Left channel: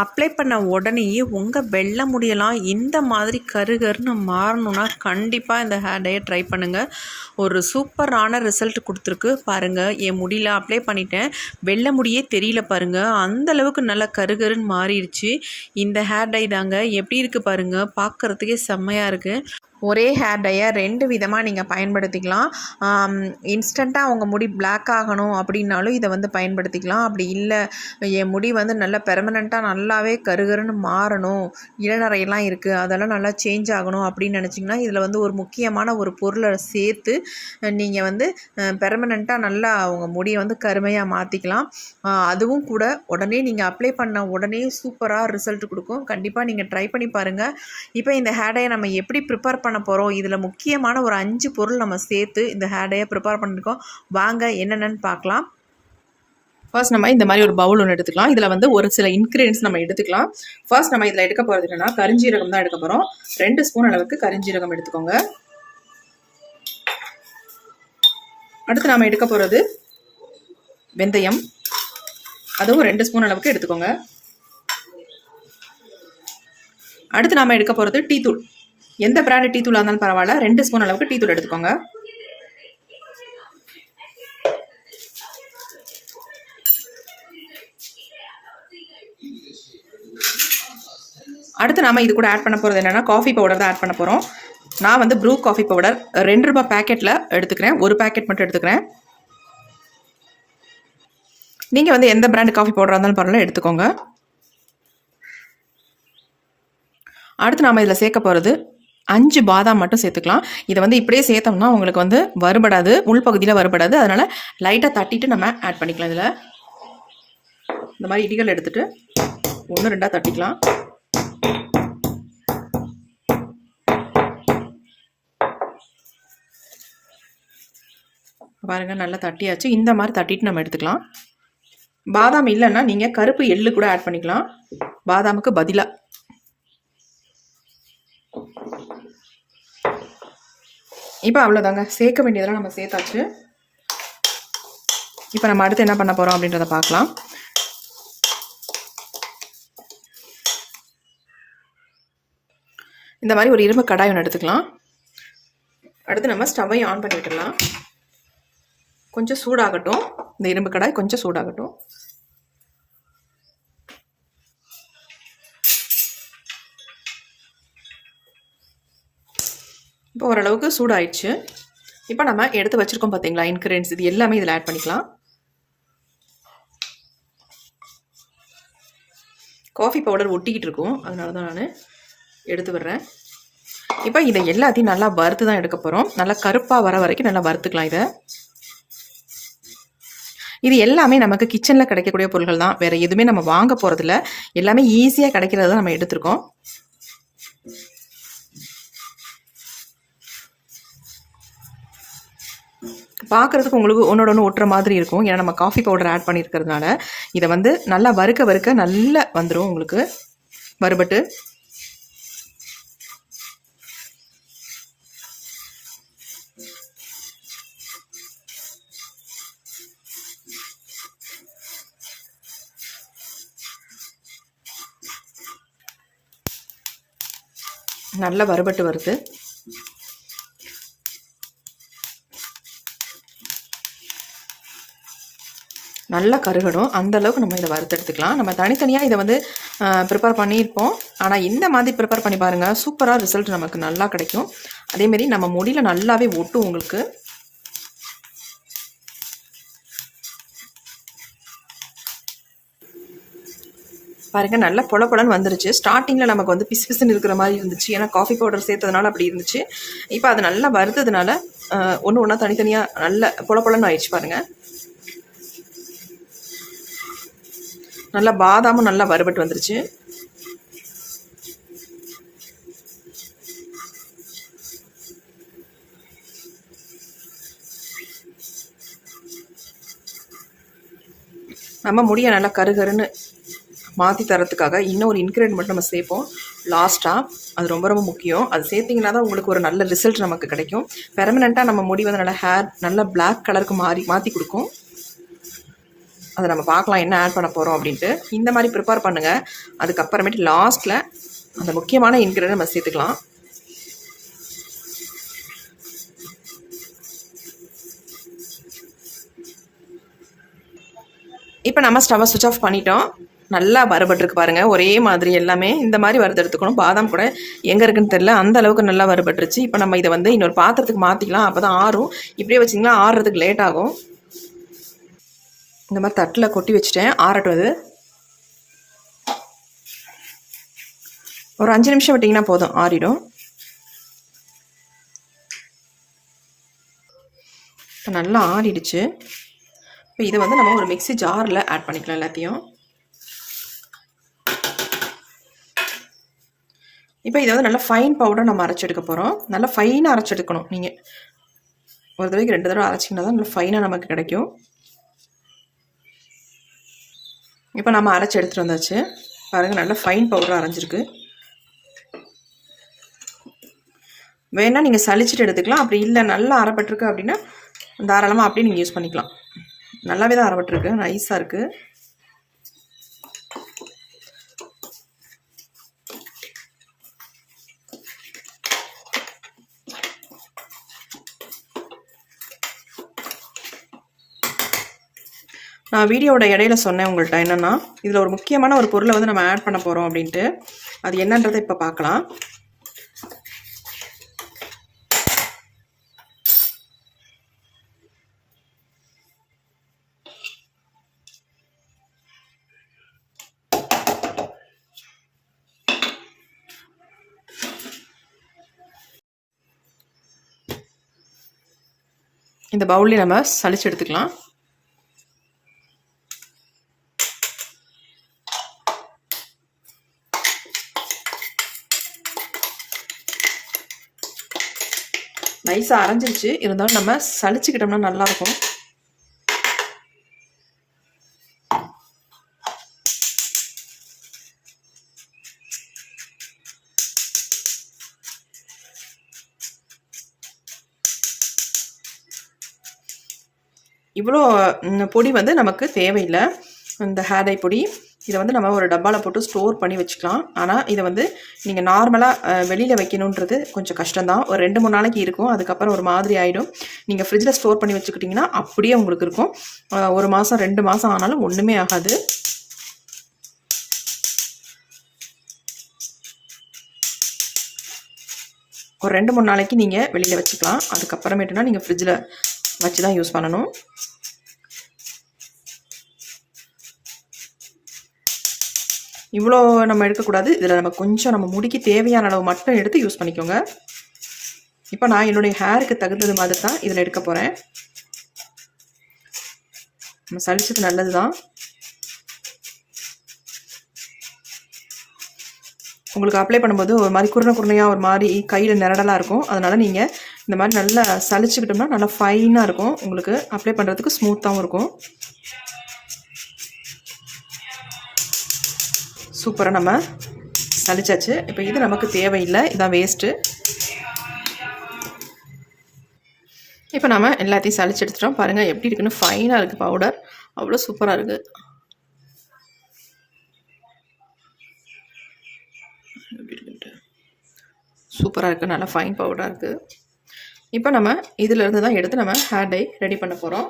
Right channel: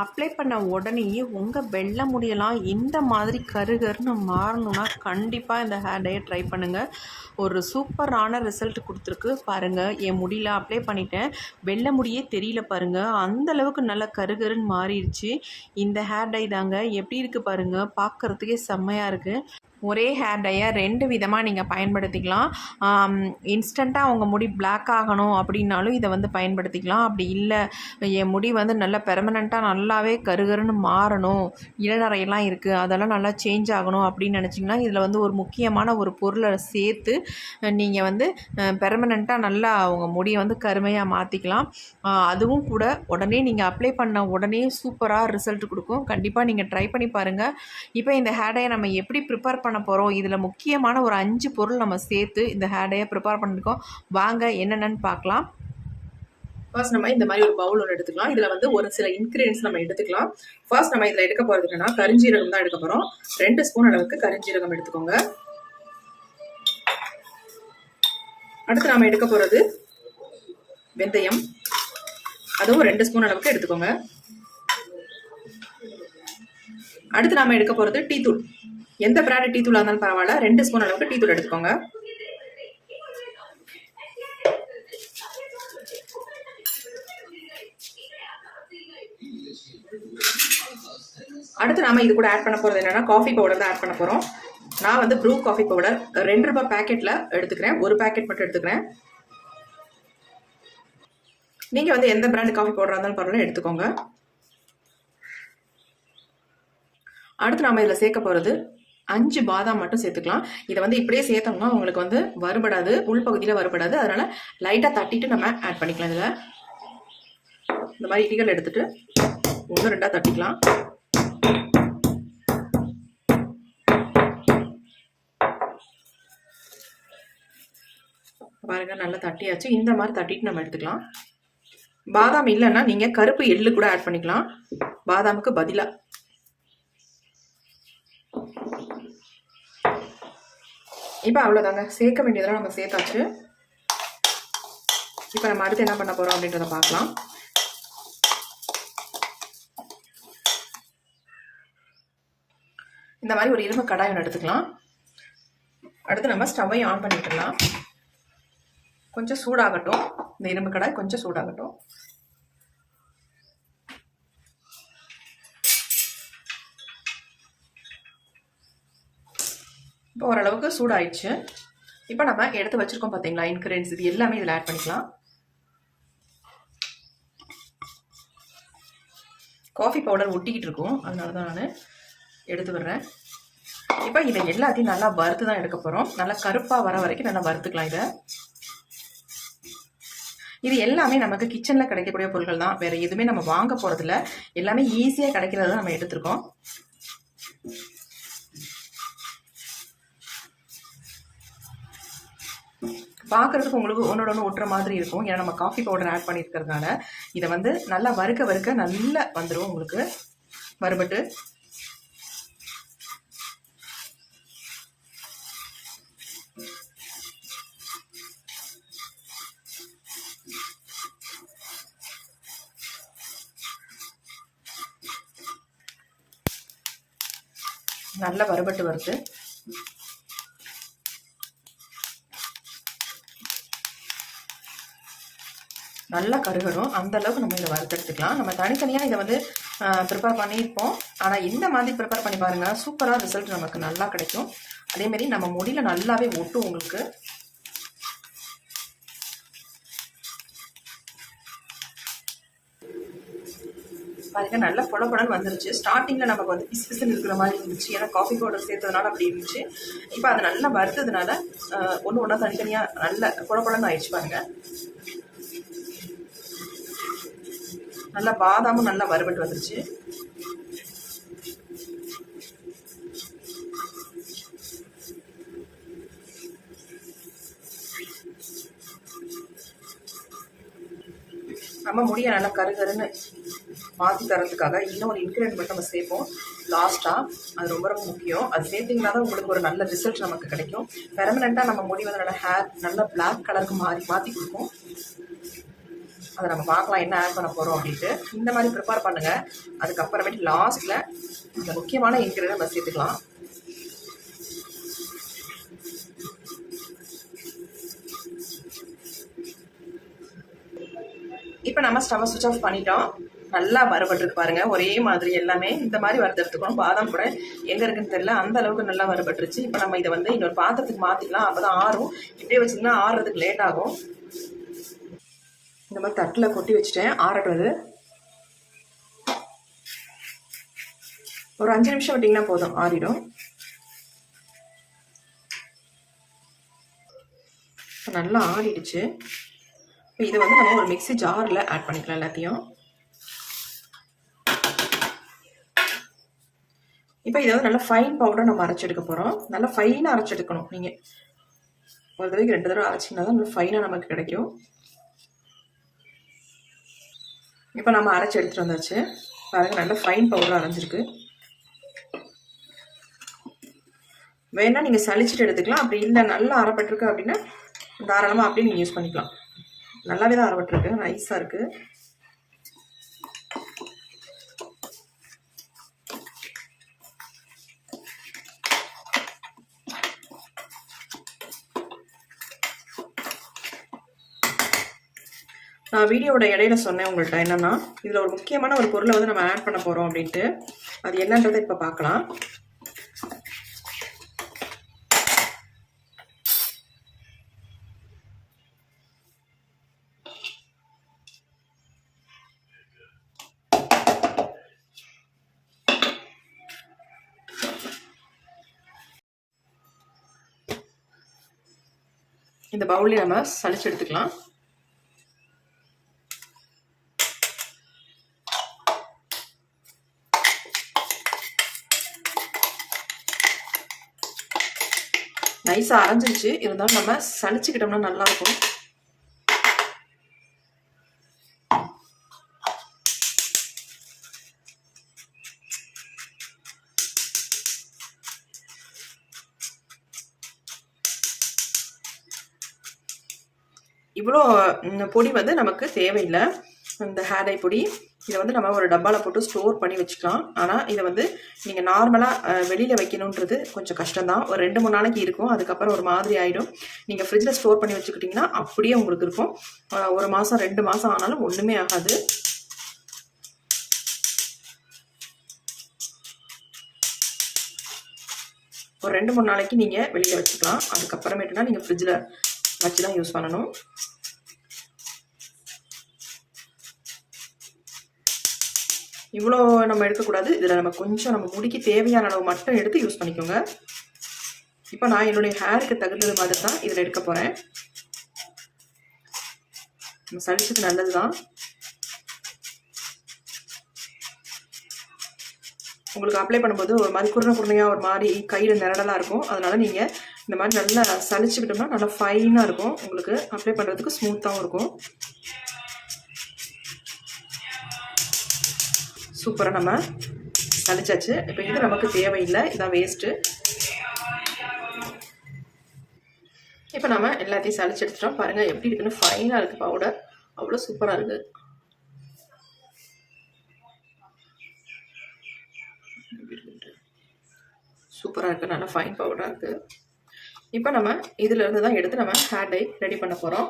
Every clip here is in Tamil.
அப்ளை பண்ண உடனேயே உங்கள் வெள்ளை முடியெல்லாம் இந்த மாதிரி கருகருன்னு மாறணுன்னா கண்டிப்பாக இந்த ஹேர் டையை ட்ரை பண்ணுங்கள். ஒரு சூப்பரான ரிசல்ட் கொடுத்துருக்கு பாருங்கள். என் முடியல அப்ளை பண்ணிட்டேன், வெள்ளை முடியே தெரியல பாருங்கள், அந்தளவுக்கு நல்லா கருகருன்னு மாறிடுச்சு. இந்த ஹேர் டை தாங்க. எப்படி இருக்குது பாருங்கள், பார்க்குறதுக்கே செம்மையாக இருக்குது. ஒரே ஹேர் டையை 2 விதமாக நீங்கள் பயன்படுத்திக்கலாம். இன்ஸ்டண்ட்டாக உங்கள் முடி பிளாக் ஆகணும் அப்படின்னாலும் இதை வந்து பயன்படுத்திக்கலாம். அப்படி இல்லை, என் முடி வந்து நல்லா பெர்மனெண்ட்டாக நல்லாவே கருகருன்னு மாறணும், இளநரையெல்லாம் இருக்குது, அதெல்லாம் நல்லா சேஞ்ச் ஆகணும் அப்படின்னு நினச்சிங்கன்னா இதில் வந்து ஒரு முக்கியமான ஒரு பொருளை சேர்த்து நீங்கள் வந்து பெர்மனெண்ட்டாக நல்லா உங்கள் முடியை வந்து கருமையாக மாற்றிக்கலாம். அதுவும் கூட உடனே நீங்கள் அப்ளை பண்ண உடனே சூப்பராக ரிசல்ட் கொடுக்கும். கண்டிப்பாக நீங்கள் ட்ரை பண்ணி பாருங்கள். இப்போ இந்த ஹேர் டையை நம்ம எப்படி ப்ரிப்பேர் பண்ண போகிறோம், இதில் முக்கியமான ஒரு 5 பொருள் நம்ம சேர்த்து இந்த ஹேர் டையை ப்ரிப்பேர் பண்ணியிருக்கோம். வாங்க என்னென்னு பார்க்கலாம். ஃபர்ஸ்ட் நம்ம இந்த மாதிரி ஒரு பவுல் ஒன்று எடுத்துக்கலாம். இதில் வந்து ஒரு சில இன்க்ரீடியன்ஸ் நம்ம எடுத்துக்கலாம். ஃபர்ஸ்ட் நம்ம இதில் எடுக்க போகிறது என்னன்னா கரிஞ்சீரகம் தான் எடுக்க போகிறோம். 2 ஸ்பூன் அளவுக்கு கரிஞ்சீரகம் எடுத்துக்கோங்க. அடுத்து நம்ம எடுக்க போகிறது வெந்தயம், அதுவும் 2 ஸ்பூன் அளவுக்கு எடுத்துக்கோங்க. அடுத்து நாம எடுக்க போகிறது டீ தூள். எந்த பிராண்ட் டீ தூளாக இருந்தாலும் பரவாயில்ல, 2 ஸ்பூன் அளவுக்கு டீ தூள் எடுத்துக்கோங்க. அடுத்து நாம இது கூட ஆட் பண்ண போகிறது என்னன்னா காஃபி பவுடர் தான் ஆட் பண்ண போகிறோம். நான் வந்து ப்ரூ காஃபி பவுடர் 2 ரூபாய் பேக்கெட்டில் எடுத்துக்கிறேன். ஒரு பேக்கெட் மட்டும் எடுத்துக்கிறேன். நீங்கள் வந்து எந்த பிராண்ட் காஃபி பவுடராக இருந்தாலும் பரவாயில்ல எடுத்துக்கோங்க. அடுத்து நாம் இதில் சேர்க்க போகிறது 5 பாதாம் மட்டும் சேர்த்துக்கலாம். இதை வந்து இப்படியே சேர்த்தோம்னா உங்களுக்கு வந்து வறுபடாது, உள்பகுதியில் வறுபடாது. அதனால் லைட்டாக தட்டிட்டு நம்ம ஆட் பண்ணிக்கலாம். இதில் இந்த மாதிரி இடிகள் எடுத்துகிட்டு 1 2 தட்டிக்கலாம். பாருங்கள், நல்லா தட்டியாச்சு. இந்த மாதிரி தட்டிட்டு நம்ம எடுத்துக்கலாம். பாதாம் இல்லைன்னா நீங்கள் கருப்பு எள்ளு கூட ஆட் பண்ணிக்கலாம் பாதாமுக்கு பதிலாக. இப்போ அவ்வளோதாங்க, சேர்க்க வேண்டியதெல்லாம் நம்ம சேர்த்தாச்சு. இப்போ நம்ம அடுத்து என்ன பண்ண போகிறோம் அப்படின்றத பார்க்கலாம். இந்த மாதிரி ஒரு இரும்பு கடாய் ஒன்று எடுத்துக்கலாம். அடுத்து நம்ம ஸ்டவ்வை ஆன் பண்ணி விட்டுடலாம். கொஞ்சம் சூடாகட்டும். இந்த இரும்பு கடாய் கொஞ்சம் சூடாகட்டும். இப்போ ஓரளவுக்கு சூடாயிடுச்சு. இப்போ நம்ம எடுத்து வச்சிருக்கோம் பார்த்தீங்களா இன்க்ரீடியன்ஸ், இது எல்லாமே இதில் ஆட் பண்ணிக்கலாம். காஃபி பவுடர் ஒட்டிக்கிட்டு இருக்கும், அதனால தான் நான் எடுத்து விடுறேன். இப்போ இதை எல்லாத்தையும் நல்லா வறுத்து தான் எடுக்க போகிறோம். நல்லா கருப்பாக வர வரைக்கும் நல்லா வறுத்துக்கலாம். இது எல்லாமே நமக்கு கிச்சனில் கிடைக்கக்கூடிய பொருட்கள் தான், வேறு எதுவுமே நம்ம வாங்க போகிறதில்ல. எல்லாமே ஈஸியாக கிடைக்கிறத நம்ம எடுத்துருக்கோம். பார்க்குறதுக்கு உங்களுக்கு ஒன்றோட ஒன்று ஒட்டுற மாதிரி இருக்கும், ஏன்னா நம்ம காஃபி பவுடர் ஆட் பண்ணியிருக்கிறதுனால. இதை வந்து நல்லா வறுக்க வறுக்க நல்லா வந்துடும் உங்களுக்கு வறுபட்டு. நல்லா வறுபட்டு வருது. நல்லா கருகடும், அந்த அளவுக்கு நம்ம இதை வறுத்து எடுத்துக்கலாம். நம்ம தனித்தனியாக இதை வந்து ப்ரிப்பேர் பண்ணியிருப்போம். ஆனால் இந்த மாதிரி ப்ரிப்பேர் பண்ணி பாருங்கள், சூப்பராக ரிசல்ட் நமக்கு நல்லா கிடைக்கும். அதேமாரி நம்ம முடியில் நல்லாவே ஒட்டும் உங்களுக்கு. பாருங்கள், நல்லா பொல பொலன்னு வந்துருச்சு. ஸ்டார்டிங்கில் நமக்கு வந்து பிசு பிசுன்னு இருக்கிற மாதிரி இருந்துச்சு, ஏன்னா காஃபி பவுடர் சேர்த்ததுனால அப்படி இருந்துச்சு. இப்போ அது நல்லா வறுத்ததுனால ஒன்று ஒன்றா தனித்தனியாக நல்ல பொல பொலன்னு ஆயிடுச்சு. பாருங்கள், நல்லா பாதாமும் நல்லா வறுபட்டு வந்துருச்சு. நம்ம முடிய நல்லா கருகருன்னு மாற்றி தரத்துக்காக இன்னொரு இன்க்ரீடியன்ட் மட்டும் நம்ம சேர்ப்போம் லாஸ்ட்டாக. அது ரொம்ப ரொம்ப முக்கியம். அது சேர்த்திங்கன்னா தான் உங்களுக்கு ஒரு நல்ல ரிசல்ட் நமக்கு கிடைக்கும். பெர்மனெண்ட்டாக நம்ம முடி வந்து நல்லா ஹேர் நல்லா பிளாக் கலருக்கு மாற்றி கொடுக்கும். அதை நம்ம பார்க்கலாம் என்ன ஆட் பண்ண போகிறோம் அப்படின்ட்டு. இந்த மாதிரி ப்ரிப்பேர் பண்ணுங்கள். அதுக்கப்புறமேட்டு லாஸ்ட்டில் அந்த முக்கியமான இன்க்ரீடியன்ட் நம்ம சேர்த்துக்கலாம். இப்போ நம்ம ஸ்டவ்வை சுவிட்ச் ஆஃப் பண்ணிட்டோம். நல்லா வறுபட்டுருக்கு பாருங்கள். ஒரே மாதிரி எல்லாமே இந்த மாதிரி வறுத்தெடுத்துக்கணும். பாதாம் கூட எங்கே இருக்குன்னு தெரில, அந்த அளவுக்கு நல்லா வறுபட்டுருச்சு. இப்போ நம்ம இதை வந்து இன்னொரு பாத்திரத்துக்கு மாற்றிக்கலாம். அப்போ தான் ஆறும். இப்படியே வச்சிங்கன்னா ஆறுறதுக்கு லேட் ஆகும். இந்த மாதிரி தட்டில் கொட்டி வச்சுட்டேன், ஆறட்டும். அது ஒரு 5 நிமிஷம் விட்டிங்கன்னா போதும், ஆறிடும். இப்போ நல்லா ஆறிடுச்சு. இப்போ இதை வந்து நம்ம ஒரு மிக்ஸி ஜாரில் ஆட் பண்ணிக்கலாம் எல்லாத்தையும். இப்போ இதை வந்து நல்லா ஃபைன் பவுடர் நம்ம அரைச்செடுக்க போகிறோம். நல்லா ஃபைனாக அரைச்செடுக்கணும். நீங்கள் ஒரு தடவைக்கு 2 தடவை அரைச்சிங்கன்னா தான் நல்லா ஃபைனாக நமக்கு கிடைக்கும். இப்போ நம்ம அரைச்சி எடுத்துகிட்டு வந்தாச்சு பாருங்கள். நல்லா ஃபைன் பவுடர் அரைஞ்சிருக்கு. வேணால் நீங்கள் சளிச்சிட்டு எடுத்துக்கலாம். அப்படி இல்லை நல்லா அரைப்பட்டிருக்கு அப்படின்னா தாராளமாக அப்படியே நீங்கள் யூஸ் பண்ணிக்கலாம். நல்லாவே தான் அரைப்பட்டிருக்கு, நைஸாக இருக்குது. நான் வீடியோவோட இடையில சொன்னேன் உங்கள்கிட்ட என்னென்னா, இதில் ஒரு முக்கியமான ஒரு பொருளை வந்து நம்ம ஆட் பண்ண போகிறோம் அப்படின்ட்டு. அது என்னன்றதை இப்போ பார்க்கலாம். இந்த பவுல்லே நம்ம சளிச்சு எடுத்துக்கலாம். நைஸாக அரைஞ்சிருச்சு, இருந்தாலும் நம்ம சளிச்சுக்கிட்டோம்னா நல்லாயிருக்கும். இவ்வளோ பொடி வந்து நமக்கு தேவையில்லை. இந்த ஹேர் டை பொடி இதை வந்து நம்ம ஒரு டப்பாவில் போட்டு ஸ்டோர் பண்ணி வச்சுக்கலாம். ஆனால் இதை வந்து நீங்கள் நார்மலாக வெளியில் வைக்கணுன்றது கொஞ்சம் கஷ்டம்தான். ஒரு 2-3 நாளைக்கு இருக்கும், அதுக்கப்புறம் ஒரு மாதிரி ஆகிடும். நீங்கள் ஃப்ரிட்ஜில் ஸ்டோர் பண்ணி வச்சுக்கிட்டிங்கன்னா அப்படியே உங்களுக்கு இருக்கும். 1 மாதம் 2 மாதம் ஆனாலும் ஒன்றுமே ஆகாது. ஒரு 2-3 நாளைக்கு நீங்கள் வெளியில் வச்சுக்கலாம். அதுக்கப்புறமேட்டுனா நீங்கள் ஃப்ரிட்ஜில் வச்சு தான் யூஸ் பண்ணணும். இவ்வளோ நம்ம எடுக்கக்கூடாது. இதில் நம்ம கொஞ்சம் நம்ம முடிக்கு தேவையான அளவு மட்டும் எடுத்து யூஸ் பண்ணிக்கோங்க. இப்போ நான் என்னுடைய ஹேருக்கு தகுந்தது மாதிரி தான் இதில் எடுக்க போகிறேன். நம்ம சளிச்சது நல்லது தான். உங்களுக்கு அப்ளை பண்ணும்போது ஒரு மாதிரி குருணையாக ஒரு மாதிரி கையில் நிரடலாக இருக்கும். அதனால் நீங்கள் இந்த மாதிரி நல்லா சளிச்சுக்கிட்டோம்னா நல்லா ஃபைனாக இருக்கும். உங்களுக்கு அப்ளை பண்ணுறதுக்கு ஸ்மூத்தாகவும் இருக்கும். சூப்பராக நம்ம சளிச்சாச்சு. இப்போ இது நமக்கு தேவையில்லை, இதான் வேஸ்ட்டு. இப்போ நம்ம எல்லாத்தையும் சளிச்சு எடுத்துட்டோம். பாருங்கள் எப்படி இருக்குன்னு, ஃபைனாக இருக்குது பவுடர். அவ்வளோ சூப்பராக இருக்குது. எப்படி இருக்குன்ட்டு சூப்பராக இருக்குது, நல்லா ஃபைன் பவுடராக இருக்குது. இப்போ நம்ம இதிலேருந்து தான் எடுத்து நம்ம ஹேர் டை ரெடி பண்ண போகிறோம்.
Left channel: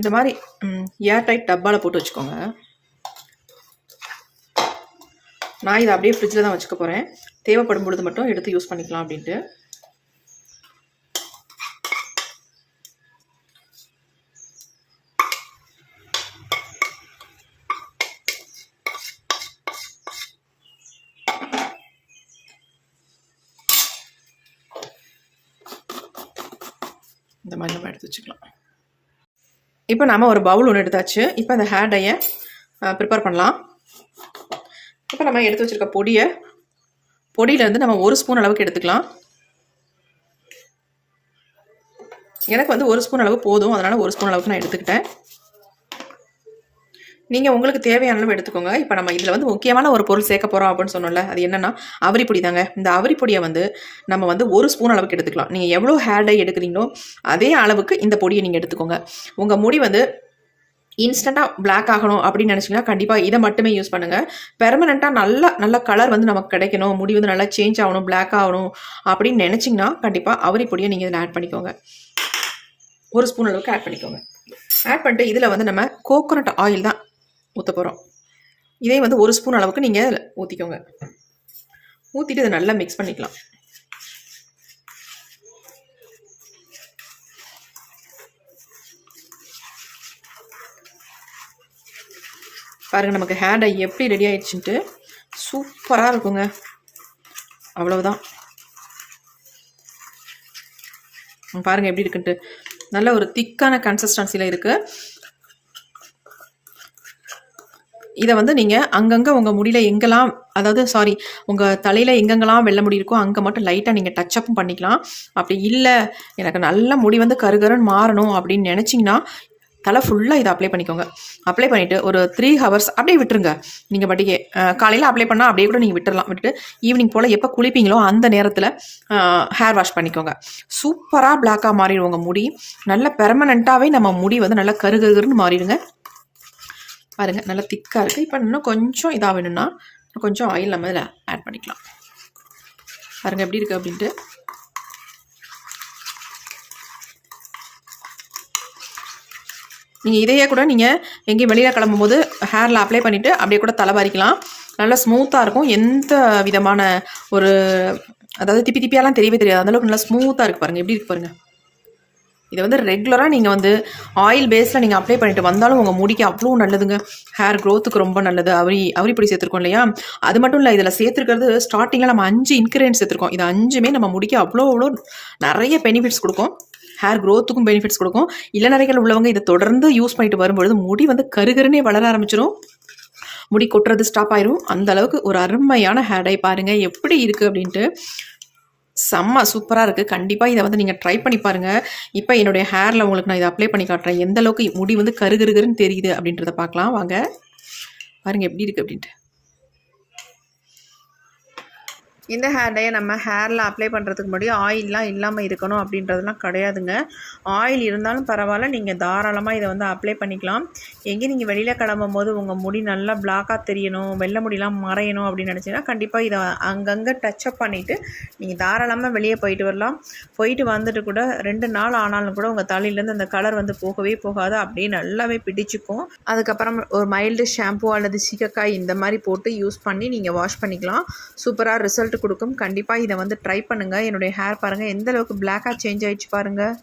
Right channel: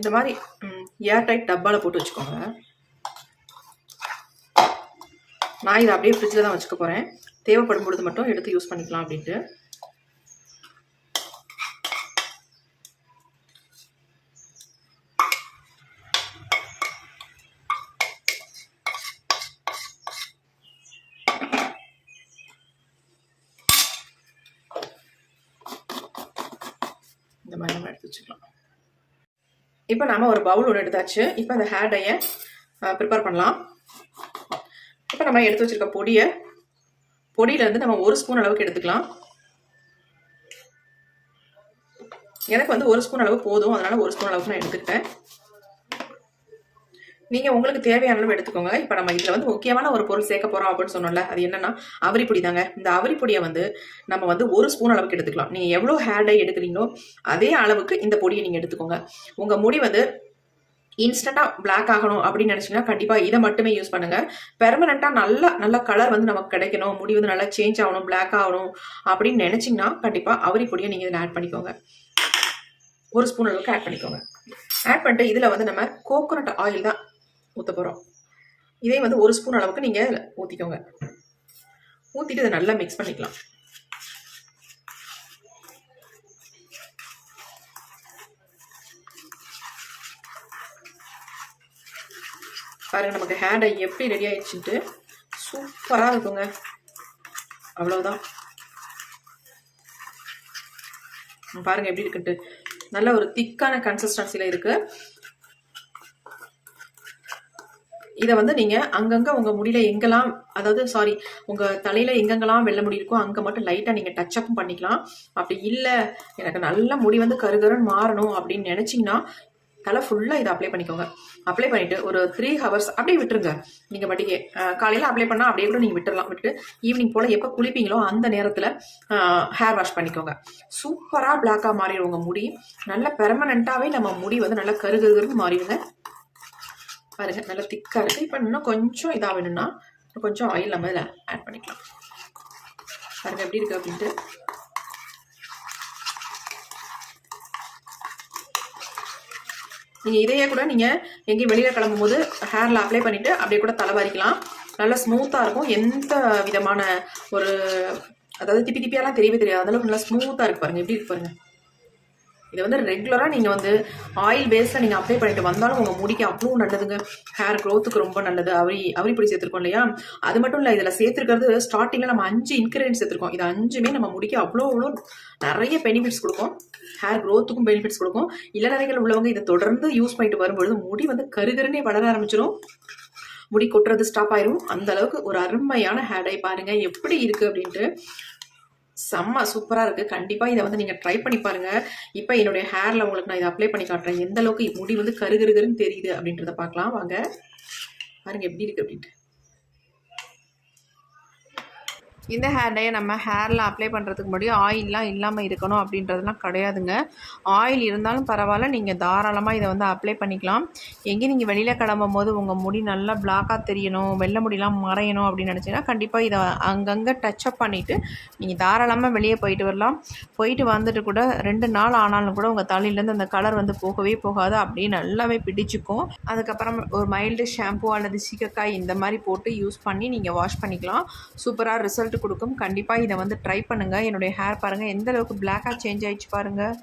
இந்த மாதிரி ஏர் டைட் டப்பாவில் போட்டு வச்சுக்கோங்க. நான் இதை அப்படியே ஃப்ரிட்ஜில் தான் வச்சுக்க போகிறேன். தேவைப்படும் பொழுது மட்டும் எடுத்து யூஸ் பண்ணிக்கலாம் அப்படின்ட்டு. இந்த மாதிரி நம்ம எடுத்து வச்சுக்கலாம். இப்போ நம்ம ஒரு பவுல் ஒன்று எடுத்தாச்சு. இப்போ அந்த ஹேர் டையை ப்ரிப்பேர் பண்ணலாம். இப்போ நம்ம எடுத்து வச்சுருக்க பொடியிலேருந்து நம்ம 1 ஸ்பூன் அளவுக்கு எடுத்துக்கலாம். எனக்கு வந்து 1 ஸ்பூன் அளவு போதும், அதனால் 1 ஸ்பூன் அளவுக்கு நான் எடுத்துக்கிட்டேன். நீங்கள் உங்களுக்கு தேவையான அளவு எடுத்துக்கோங்க. இப்போ நம்ம இதில் வந்து முக்கியமான ஒரு பொருள் சேர்க்க போகிறோம் அப்படின்னு சொன்னோம்ல, அது என்னென்னா அவரிப்பொடி தாங்க. இந்த அவரிப்பொடியை வந்து நம்ம வந்து 1 ஸ்பூன் அளவுக்கு எடுத்துக்கலாம். நீங்கள் எவ்வளோ ஹேர் டை எடுக்கிறீங்களோ அதே அளவுக்கு இந்த பொடியை நீங்கள் எடுத்துக்கோங்க. உங்கள் முடி வந்து இன்ஸ்டண்ட்டாக பிளாக் ஆகணும் அப்படின்னு நினச்சிங்கன்னா கண்டிப்பாக இதை மட்டுமே யூஸ் பண்ணுங்கள். பெர்மனெண்ட்டாக நல்ல கலர் வந்து நமக்கு கிடைக்கணும், முடி வந்து நல்லா சேஞ்ச் ஆகணும், பிளாக் ஆகணும் அப்படின்னு நினச்சிங்கன்னா கண்டிப்பாக அவரிப்பொடியை நீங்கள் இதில் ஆட் பண்ணிக்கோங்க. 1 ஸ்பூன் அளவுக்கு ஆட் பண்ணிக்கோங்க. ஆட் பண்ணிட்டு இதில் வந்து நம்ம கோகோனட் ஆயில் தான் ஊற்ற போகிறோம். இதே வந்து 1 ஸ்பூன் அளவுக்கு நீங்கள் ஊற்றிக்கோங்க. ஊற்றிட்டு இதை நல்லா மிக்ஸ் பண்ணிக்கலாம். பாருங்கள் நமக்கு ஹேர் டை எப்படி ரெடி ஆயிடுச்சுன்ட்டு சூப்பராக இருக்குங்க. அவ்வளவுதான். பாருங்கள் எப்படி இருக்குன்ட்டு நல்ல ஒரு திக்கான கன்சிஸ்டன்சியில் இருக்குது. இதை வந்து நீங்கள் அங்கங்கே உங்கள் முடியில் எங்கெல்லாம் உங்கள் தலையில் எங்கெங்கெல்லாம் வெள்ளை முடி இருக்கோ அங்கே மட்டும் லைட்டாக நீங்கள் டச்சப்பும் பண்ணிக்கலாம். அப்படி இல்லை எனக்கு நல்ல முடி வந்து கருகருன்னு மாறணும் அப்படின்னு நினச்சிங்கன்னா தலை ஃபுல்லாக இதை அப்ளை பண்ணிக்கோங்க. அப்ளை பண்ணிவிட்டு ஒரு 3 ஹவர்ஸ் அப்படியே விட்டுருங்க. நீங்கள் பாட்டிக்கு காலையில் அப்ளை பண்ணால் அப்படியே கூட நீங்கள் விட்டுடலாம். விட்டுட்டு ஈவினிங் போல் எப்போ குளிப்பீங்களோ அந்த நேரத்தில் ஹேர் வாஷ் பண்ணிக்கோங்க. சூப்பராக பிளாக்காக மாறிடும் உங்கள் முடி. நல்ல பெர்மனெண்ட்டாகவே நம்ம முடி வந்து நல்லா கருகருன்னு மாறிடுங்க. பாருங்கள் நல்லா திக்காக இருக்குது. இப்போ இன்னும் கொஞ்சம் இதாக வேணும்னா கொஞ்சம் ஆயில் நம்ம இதில் ஆட் பண்ணிக்கலாம். பாருங்கள் எப்படி இருக்குது அப்படின்ட்டு. நீங்கள் இதையே கூட நீங்கள் எங்கேயும் வெளியில் கிளம்பும்போது ஹேரில் அப்ளை பண்ணிவிட்டு அப்படியே கூட தலைவாரிக்கலாம். நல்லா ஸ்மூத்தாக இருக்கும். எந்த விதமான ஒரு அதாவது திப்பியாலாம் தெரியவே தெரியாது. அந்தளவுக்கு நல்லா ஸ்மூத்தாக இருக்குது. பாருங்கள் எப்படி இருக்கு பாருங்கள். இதை வந்து ரெகுலராக நீங்கள் வந்து ஆயில் பேஸில் நீங்கள் அப்ளை பண்ணிட்டு வந்தாலும் உங்கள் முடிக்கு அவ்வளோ நல்லதுங்க. ஹேர் க்ரோத்துக்கு ரொம்ப நல்லது. அவரிப்பொடி சேர்த்துருக்கோம் இல்லையா, அது மட்டும் இல்லை இதில் சேர்த்துருக்கிறது ஸ்டார்டிங்கில் நம்ம 5 இன்க்ரீடியன்ஸ் சேர்த்துருக்கோம். இது 5மே நம்ம முடிக்க அவ்வளோ நிறைய பெனிஃபிட்ஸ் கொடுக்கும். ஹேர் க்ரோத்துக்கும் பெனிஃபிட்ஸ் கொடுக்கும். இளநரைகள் உள்ளவங்க இதை தொடர்ந்து யூஸ் பண்ணிட்டு வரும்பொழுது முடி வந்து கருகருன்னே வளர ஆரம்பிச்சிடும். முடி கொட்டுறது ஸ்டாப் ஆயிரும். அந்த அளவுக்கு ஒரு அருமையான ஹேர் டை. பாருங்கள் எப்படி இருக்குது அப்படின்ட்டு. செம்ம சூப்பராக இருக்குது. கண்டிப்பாக இதை வந்து நீங்கள் ட்ரை பண்ணி பாருங்கள். இப்போ என்னுடைய ஹேரில் உங்களுக்கு நான் இதை அப்ளை பண்ணி காட்டுறேன். எந்த அளவுக்கு முடி வந்து கருகருன்னு தெரியுது அப்படின்றத பார்க்கலாம் வாங்க. பாருங்கள் எப்படி இருக்குது அப்படின்ட்டு. இந்த ஹேர் டையை நம்ம ஹேரில் அப்ளை பண்ணுறதுக்கு முன்னாடி ஆயிலெலாம் இல்லாமல் இருக்கணும் அப்படின்றதுலாம் கிடையாதுங்க. ஆயில் இருந்தாலும் பரவாயில்ல, நீங்கள் தாராளமாக இதை வந்து அப்ளை பண்ணிக்கலாம். எங்கே நீங்கள் வெளியில் கிளம்பும் போது உங்கள் முடி நல்லா பிளாக்காக தெரியணும், வெள்ளை முடியெலாம் மறையணும் அப்படின்னு நினச்சிங்கன்னா கண்டிப்பாக இதை அங்கங்கே டச்சப் பண்ணிவிட்டு நீங்கள் தாராளமாக வெளியே போயிட்டு வரலாம். போயிட்டு வந்துட்டு கூட 2 நாள் ஆனாலும் கூட உங்கள் தலையிலேருந்து அந்த கலர் வந்து போகவே போகாது. அப்படியே நல்லாவே பிடிச்சிக்கும். அதுக்கப்புறம் ஒரு மைல்டு ஷாம்பு அல்லது சீகக்காய் இந்த மாதிரி போட்டு யூஸ் பண்ணி நீங்கள் வாஷ் பண்ணிக்கலாம். சூப்பராக ரிசல்ட் கொடுக்கும். கண்டிப்பாக இதை வந்து ட்ரை பண்ணுங்கள். என்னுடைய ஹேர் பாருங்கள் எந்த அளவுக்கு பிளாக்காக சேஞ்ச் ஆகிடுச்சு பாருங்கள்.